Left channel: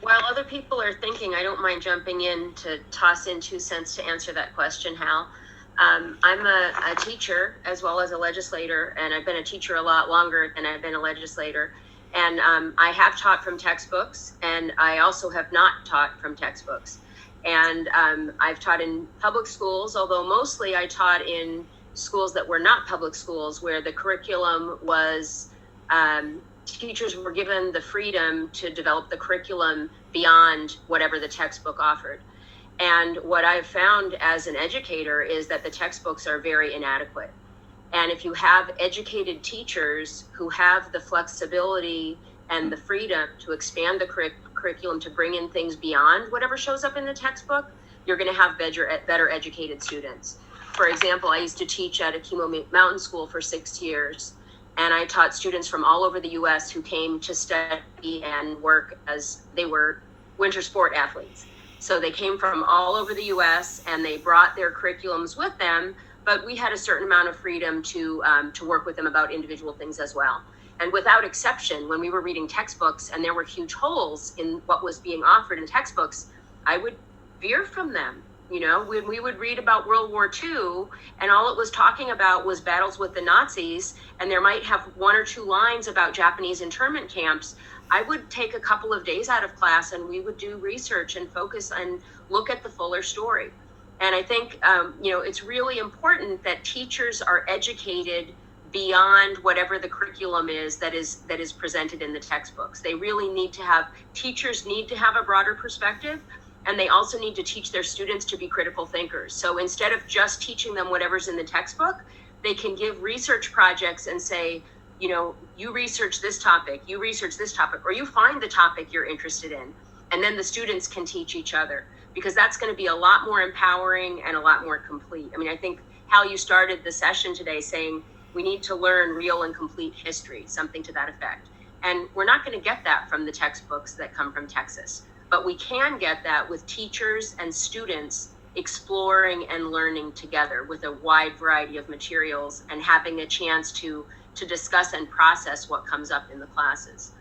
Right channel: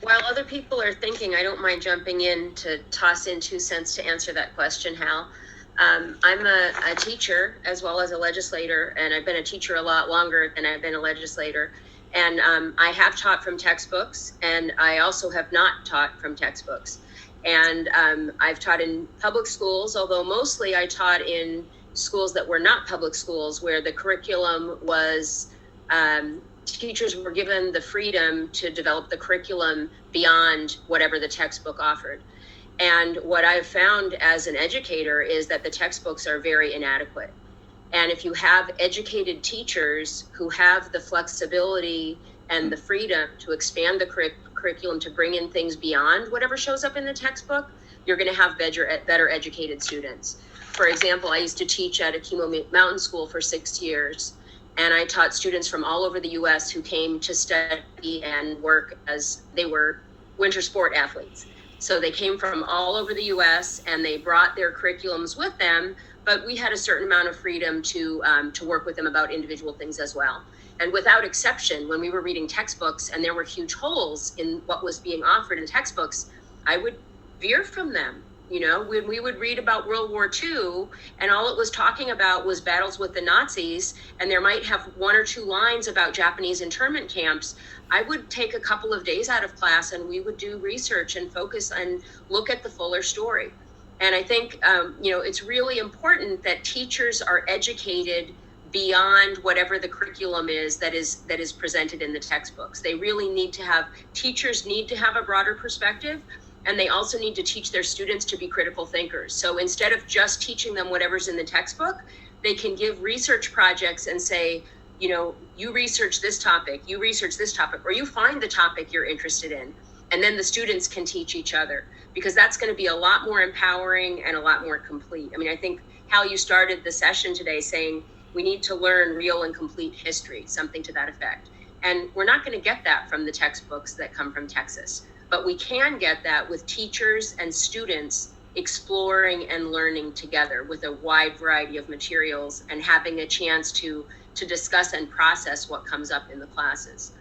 While other people are thinking, I don't mind jumping in to toss in 2 cents to answer that question, Hal. I'm a teacher as well as a legislator, and I've been a teacher a lot longer than I've been a legislator. And I have taught from textbooks, and I also have not taught from textbooks. And I've taught in public schools, although mostly I taught in schools that were not public schools, where the curriculum was teachers were given the freedom to develop the curriculum beyond whatever the textbook offered. And what I've found as an educator is that the textbooks are very inadequate. And if you have educated teachers who have the flexibility and the freedom to expand the curriculum to bring in things beyond whatever shows up in the textbook, you're going to have better educated students. For example, I used to teach at Akimo Mountain School for 6 years. And I taught students from all over the US who came to study and work as they were winter sport athletes. So they came from all over the US and they brought their curriculums with them, but we had a certain amount of freedom to work with them about individual things as well. And without exception, when we were reading textbooks and there were huge holes in what was being offered in textbooks, I would veer from them. You know, when we would read about World War II and all it was talking about was battles with the Nazis, and there might have 1 or 2 lines about Japanese internment camps, I would take a couple of days out of class and we would do research and focus and look at the fuller story. And I think, it's really important that teachers are educated beyond whatever the curriculum is that is presented in the textbooks. They really teachers need to have a broader perspective. And they also need to teach their students to be critical thinkers. So instead of just teaching them whatever's in the textbook, they can give research projects and say, you research this topic, or you find the topic you're interested in. And then the students can teach each other, because that's going to be a lot more empowering and a lot more complete. I mean, I think, Hal, you started the session today saying we need to learn real and complete history, something to that effect. And we're not going to get that from the textbooks that come from Texas. But we can get that with teachers and students exploring and learning together with a wide variety of materials and having a chance to discuss and process what comes up in the classes.